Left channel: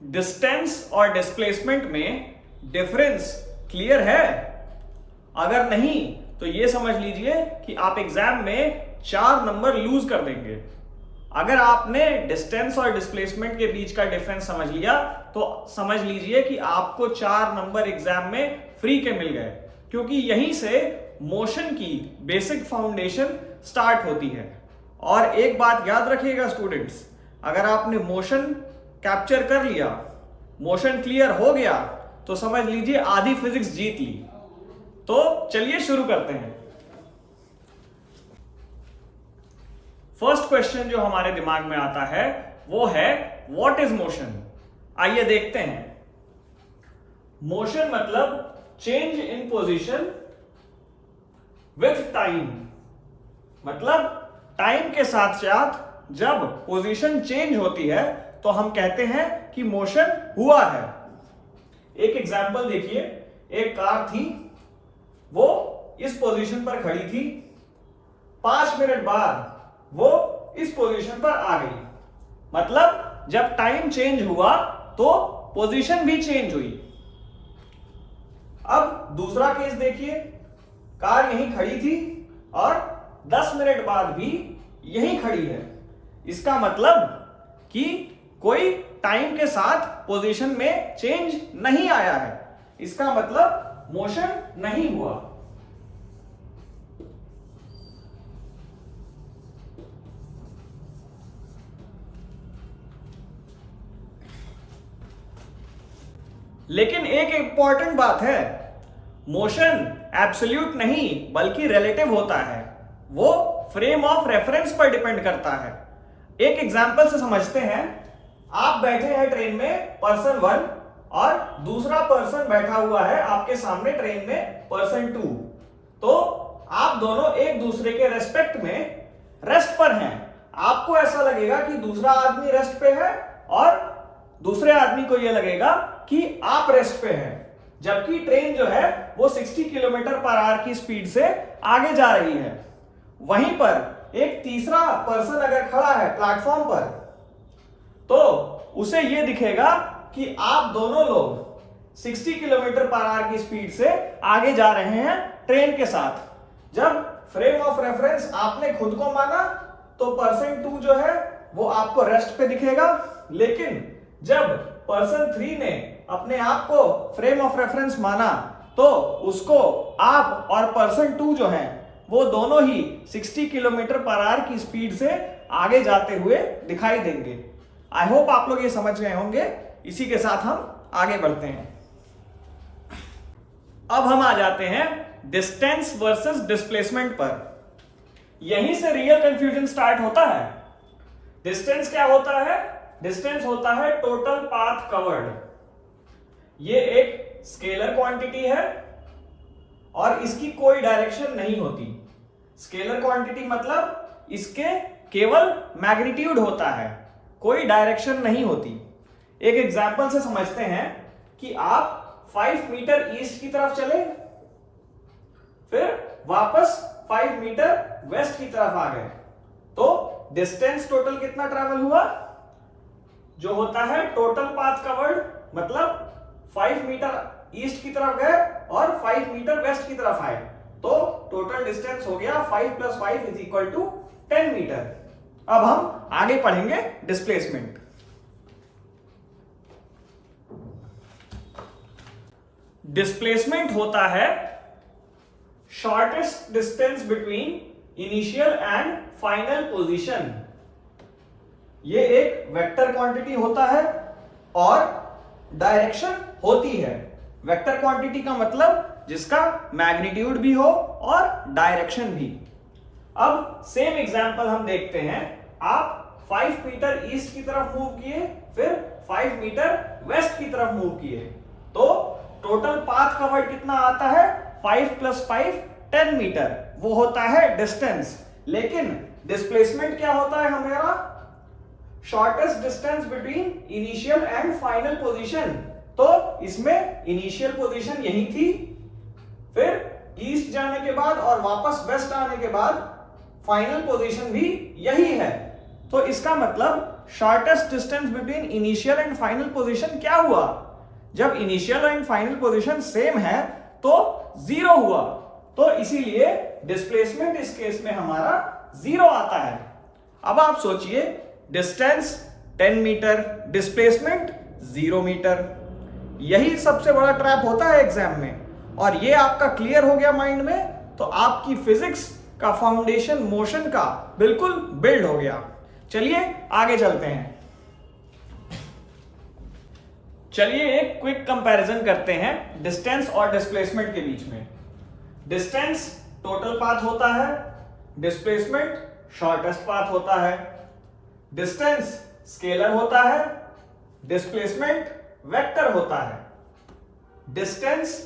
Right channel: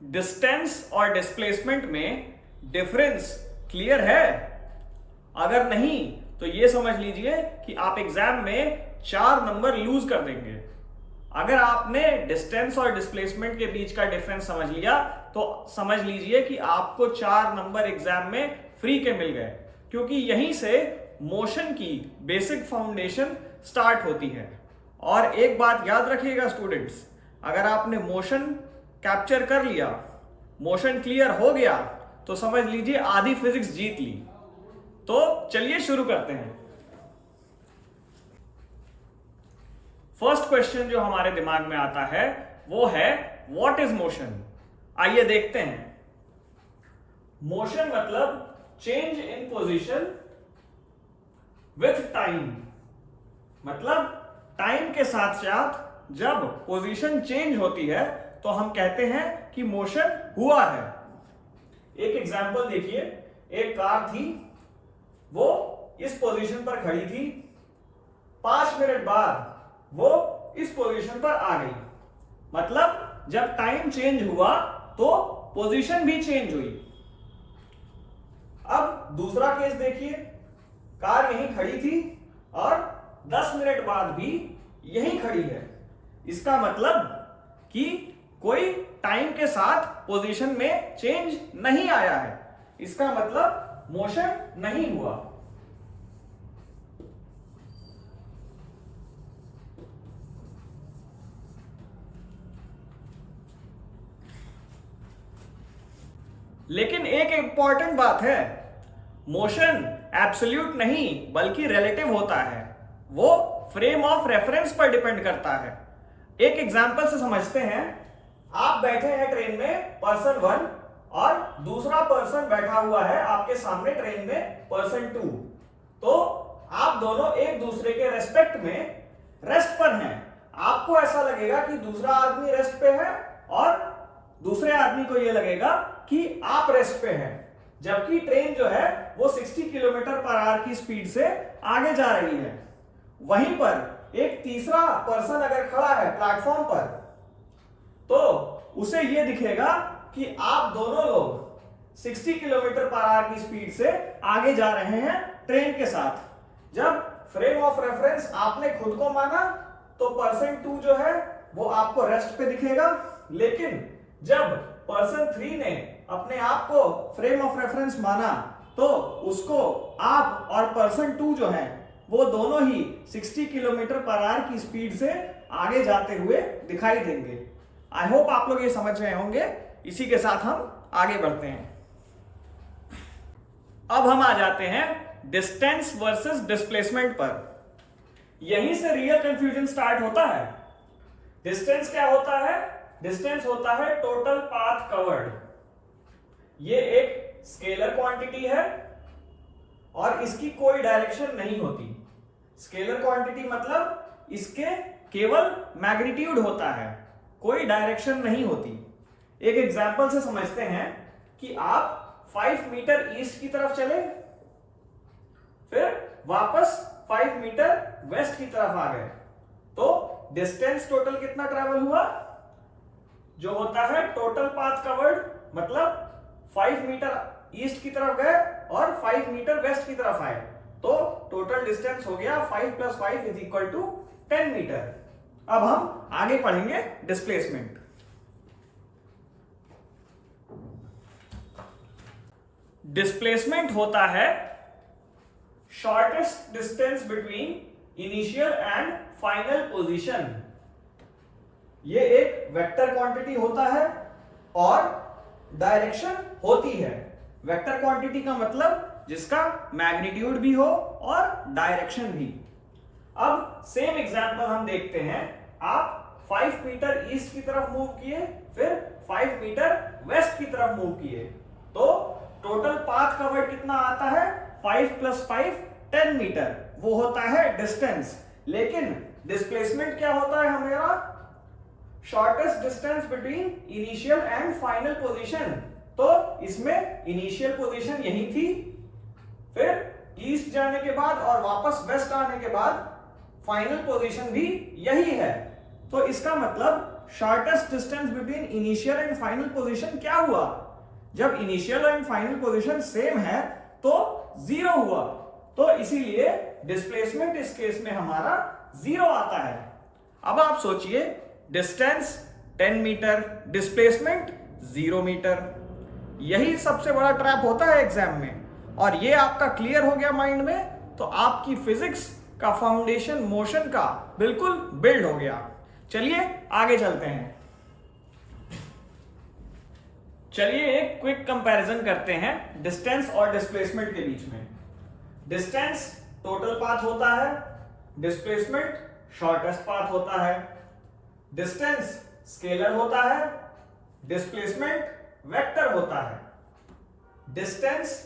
Distance और displacement में difference clear है? अगर नहीं तो ये समझ लीजिए कि आप एग्जाम में 4 नंबर लूज कर देंगे। अगर आपने डिस्टेंस और डिस्प्लेसमेंट के बीच का डिफरेंस समझ लिया तो समझ लीजिए कि आपको 4 नंबर एग्जाम में फ्री के मिल गए, क्योंकि यहीं से मोशन की बेसिक फाउंडेशन स्टार्ट होती है। और एक बात याद रखिएगा स्टूडेंट्स, अगर आपने मोशन कैप्चर कर लिया, मोशन क्लियर हो गया, तो समझ लीजिए आधी फिजिक्स जीत ली। तो चलिए शुरू करते हैं। फर्स्ट क्वेश्चन जो हमारे दिमाग में आता है वो है व्हाट इज मोशन। आइए देखते हैं। मोशन मतलब change in position with time, मतलब टाइम के साथ साथ जब पोजीशन चेंज होती है तो हम कहते हैं कि मोशन हुआ है। एक एग्जांपल देखिए, एक कार थी, वो इस पोजीशन पर खड़ी थी, 5 मिनट बाद वो इस पोजीशन पर आ गई। मतलब जब टाइम चेंज हुआ तो पोजीशन भी चेंज हुई। अब दूसरा केस देखिए, कार यहीं खड़ी थी और 10 मिनट बाद भी यहीं खड़ी है। इसका मतलब कि कोई टाइम के साथ पोजीशन में चेंज नहीं आया है। इसका मतलब मोशन नहीं हुआ। लेकिन एक इंपॉर्टेंट बात है, मोशन एब्सोल्यूट नहीं बल्कि रिलेटिव होता है। वो फ्रेम ऑफ रेफरेंस पर डिपेंड करता है। एक एग्जांपल से समझते हैं। आप बैठे हैं ट्रेन में पर्सन 1 और दूसरा पर्सन बैठा हुआ है आपके सामने ट्रेन में पर्सन 2। तो आप दोनों एक दूसरे के रेस्पेक्ट में रेस्ट पर हैं। आपको ऐसा लगेगा कि दूसरा आदमी रेस्ट पे है और दूसरे आदमी को यह लगेगा कि आप रेस्ट पे हैं, जबकि ट्रेन जो है वो 60 किलोमीटर पर आवर की स्पीड से आगे जा रही है। वहीं पर एक तीसरा पर्सन अगर खड़ा है प्लेटफॉर्म पर, तो उसे यह दिखेगा कि आप दोनों लोग 60 किलोमीटर पर आवर की स्पीड से आगे जा रहे हैं ट्रेन के साथ। जब फ्रेम ऑफ रेफरेंस आपने खुद को माना तो पर्सन 2 जो है वो आपको रेस्ट पे दिखेगा, लेकिन जब पर्सन 3 ने अपने आप को फ्रेम ऑफ रेफरेंस माना तो उसको आप और पर्सन 2 जो है वो दोनों ही 60 किलोमीटर पर आवर की स्पीड से आगे जाते हुए दिखाई देंगे। आई होप आप लोग ये समझ गए होंगे। इसी के साथ हम आगे बढ़ते हैं। अब हम आ जाते हैं डिस्टेंस वर्सेस डिस्प्लेसमेंट पर। यहीं से रियल कंफ्यूजन स्टार्ट होता है। डिस्टेंस क्या होता है? डिस्टेंस होता है टोटल पाथ कवर्ड। ये एक स्केलर क्वांटिटी है और इसकी कोई डायरेक्शन नहीं होती। स्केलर क्वांटिटी मतलब इसके केवल मैग्नीट्यूड होता है, कोई डायरेक्शन नहीं होती। एक एग्जांपल से समझते हैं कि आप 5 मीटर ईस्ट की तरफ चले, फिर वापस 5 मीटर वेस्ट की तरफ आ गए, तो डिस्टेंस टोटल कितना ट्रैवल हुआ? जो होता है टोटल पाथ कवर्ड, मतलब 5 मीटर ईस्ट की तरफ गए और 5 मीटर वेस्ट की तरफ आए, तो टोटल डिस्टेंस हो गया 5 + 5 = 10 मीटर। अब हम आगे पढ़ेंगे डिस्प्लेसमेंट। डिस्प्लेसमेंट होता है shortest distance between initial and final position. ये एक वेक्टर क्वांटिटी होता है और डायरेक्शन होती है। वेक्टर क्वांटिटी का मतलब जिसका मैग्नीट्यूड भी हो और डायरेक्शन भी। अब सेम एग्जांपल हम देखते हैं। आप 5 मीटर ईस्ट की तरफ मूव किए, फिर 5 मीटर वेस्ट की तरफ मूव किए, तो टोटल पाथ कवर्ड कितना आता है? 5 + 5 10 मीटर। वो होता है डिस्टेंस। लेकिन डिस्प्लेसमेंट क्या होता है हमारा? Shortest distance between initial and final position. तो इसमें इनिशियल पोजीशन यही थी, फिर ईस्ट जाने के बाद और वापस वेस्ट आने के बाद फाइनल पोजीशन भी यही है। तो इसका मतलब shortest distance between initial and final position क्या हुआ? जब initial and final position same है तो जीरो हुआ, तो इसीलिए डिस्प्लेसमेंट इस केस में हमारा जीरो आता है। अब आप सोचिए, डिस्टेंस 10 मीटर, डिस्प्लेसमेंट 0 मीटर। यही सबसे बड़ा ट्रैप होता है एग्जाम में, और ये आपका क्लियर हो गया माइंड में, तो आपकी फिजिक्स का फाउंडेशन मोशन का बिल्कुल बिल्ड हो गया। चलिए आगे चलते हैं। चलिए एक क्विक कंपैरिजन करते हैं डिस्टेंस और डिस्प्लेसमेंट के बीच में। डिस्टेंस टोटल पाथ होता है, डिस्प्लेसमेंट शॉर्टेस्ट पाथ होता है। डिस्टेंस स्केलर होता है, डिस्प्लेसमेंट वेक्टर होता है। डिस्टेंस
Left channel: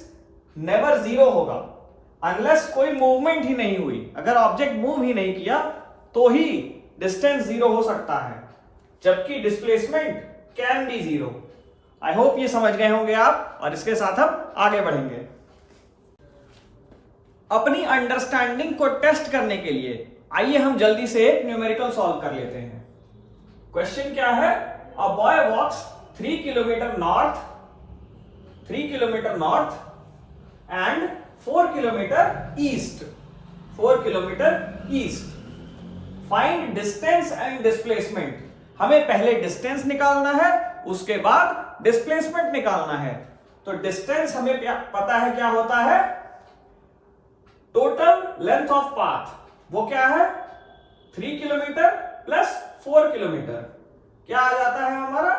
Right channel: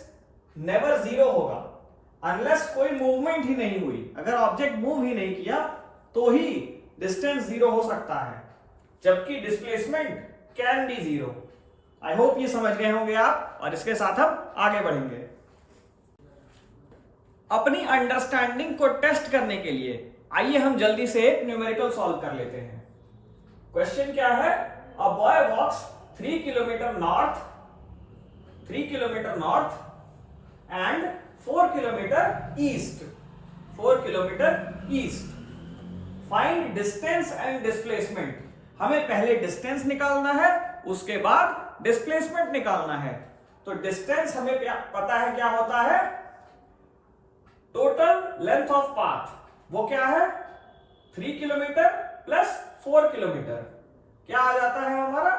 नेवर जीरो होगा अनलेस कोई मूवमेंट ही नहीं हुई। अगर ऑब्जेक्ट मूव ही नहीं किया तो ही डिस्टेंस जीरो हो सकता है, जबकि displacement can be zero. I hope ये समझ गए होंगे आप, और इसके साथ हम आगे बढ़ेंगे। अपनी अंडरस्टैंडिंग को टेस्ट करने के लिए आइए हम जल्दी से एक न्यूमेरिकल सॉल्व कर लेते हैं। क्वेश्चन क्या है? A boy walks 3 kilometre north and 4 kilometre east. Find distance and displacement. हमें पहले डिस्टेंस निकालना है, उसके बाद डिस्प्लेसमेंट निकालना है। तो डिस्टेंस हमें पता है क्या होता है, टोटल लेंथ ऑफ पाथ। वो क्या है? 3 किलोमीटर प्लस 4 किलोमीटर, क्या आ जाता है हमारा?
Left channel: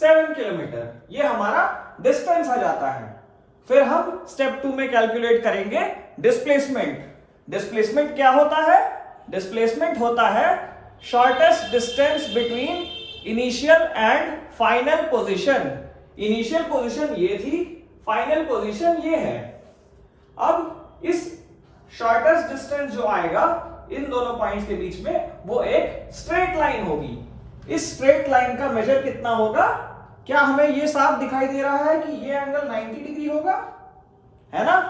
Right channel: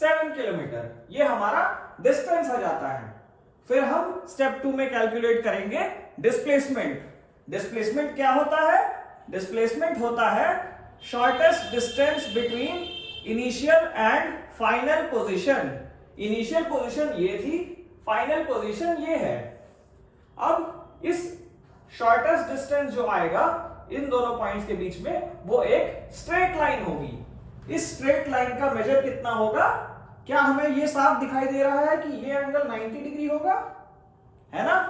7 किलोमीटर। ये हमारा डिस्टेंस आ जाता है। फिर हम स्टेप 2 में कैलकुलेट करेंगे डिस्प्लेसमेंट। डिस्प्लेसमेंट क्या होता है? डिस्प्लेसमेंट होता है shortest distance between initial and final position. Initial position ये थी, फाइनल पोजीशन ये है। अब इस शॉर्टेस्ट डिस्टेंस जो आएगा इन दोनों पॉइंट्स के बीच में, वो एक स्ट्रेट लाइन होगी। इस स्ट्रेट लाइन का मेजर कितना होगा? क्या हमें ये साफ दिखाई दे रहा है कि ये एंगल 90 डिग्री होगा, है ना?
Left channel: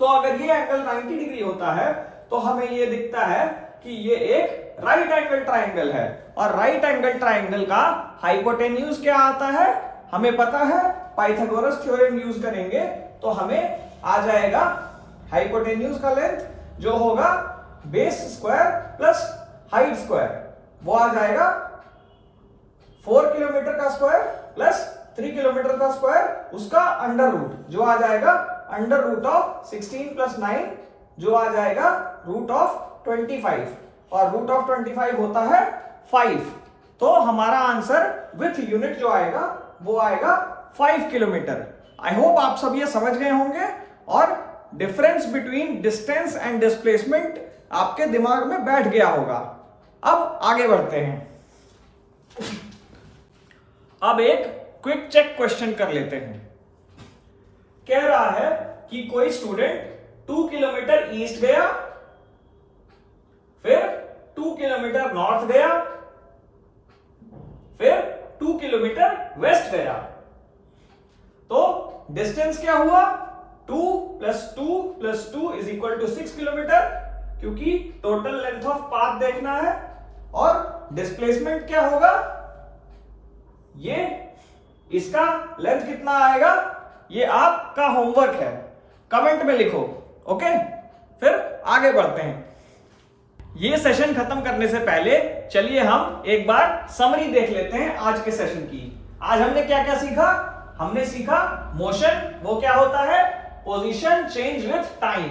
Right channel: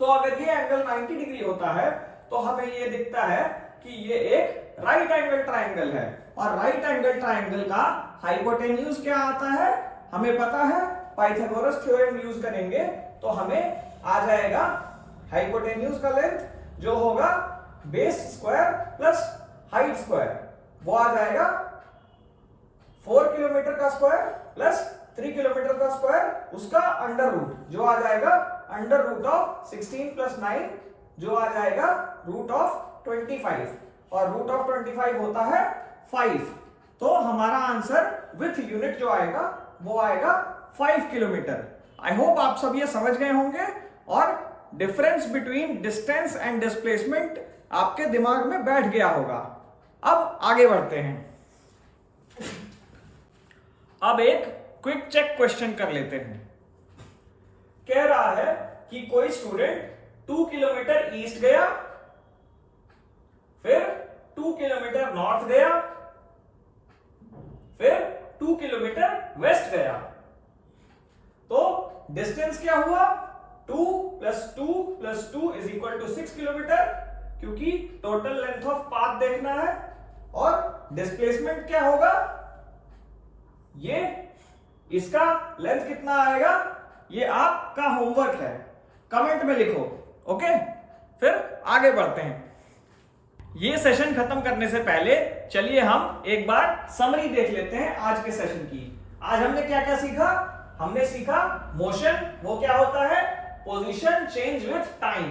तो अगर ये एंगल 90 डिग्री होता है तो हमें ये दिखता है कि ये एक राइट एंगल ट्राइंगल है, और राइट एंगल ट्राइंगल का हाइपोटेन्यूज क्या आता है हमें पता है। पाइथागोरस थ्योरम यूज करेंगे तो हमें आ जाएगा हाइपोटेन्यूज का लेंथ जो होगा base square plus height square, वो आ जाएगा 4 किलोमीटर का स्क्वायर प्लस 3 किलोमीटर का स्क्वायर, उसका अंडर रूट जो आ जाएगा अंडर रूट ऑफ 16 प्लस 9 जो आ जाएगा रूट ऑफ 25, और रूट ऑफ 25 होता है 5। तो हमारा आंसर विथ यूनिट जो आएगा वो आएगा 5 किलोमीटर। आई होप आप सब ये समझ गए होंगे, और difference between distance and displacement आपके दिमाग में बैठ गया होगा। अब आगे बढ़ते हैं। अब एक क्विक चेक क्वेश्चन कर लेते हैं। कह रहा है कि कोई स्टूडेंट 2 किलोमीटर ईस्ट गया, फिर 2 किलोमीटर नॉर्थ गया, फिर 2 किलोमीटर वेस्ट गया। तो डिस्टेंस क्या हुआ? 2 + 2 + 2 = 6 किलोमीटर, क्योंकि टोटल लेंथ ऑफ पाथ देखना है। और डिस्प्लेसमेंट क्या होगा? ये इसका लेंथ कितना आएगा, ये आपका होमवर्क है, कमेंट में लिखो। ओके, फिर आगे बढ़ते हैं। ये सेशन खत्म करने से पहले चलिए हम एक बार समरी देख लेते हैं आज के सेशन की। आज हमने क्या क्या सीखा? हमने सीखा मोशन, वो क्या होता है? Position change with time.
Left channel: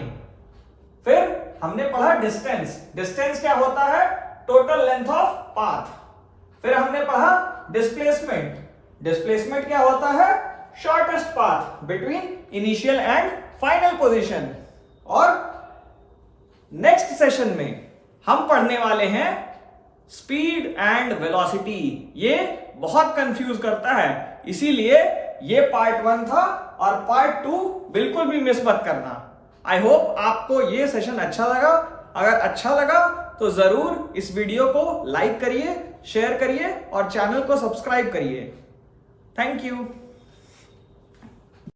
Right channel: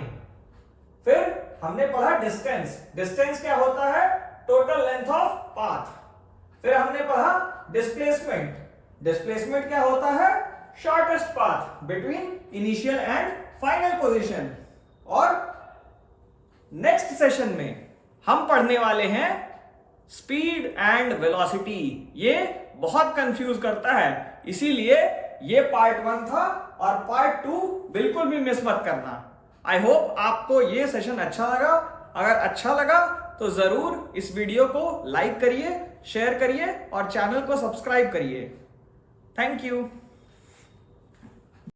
फिर हमने पढ़ा डिस्टेंस। डिस्टेंस क्या होता है? Total length of path. फिर हमने पढ़ा डिस्प्लेसमेंट। डिस्प्लेसमेंट क्या होता है? Shortest path between initial and final position. और नेक्स्ट सेशन में हम पढ़ने वाले हैं स्पीड एंड वेलोसिटी। ये बहुत कंफ्यूज करता है, इसीलिए ये पार्ट 1 था, और पार्ट 2 बिल्कुल भी मिस मत करना। आई होप आपको ये सेशन अच्छा लगा। अगर अच्छा लगा तो जरूर इस वीडियो को लाइक करिए, शेयर करिए और चैनल को सब्सक्राइब करिए। Thank you.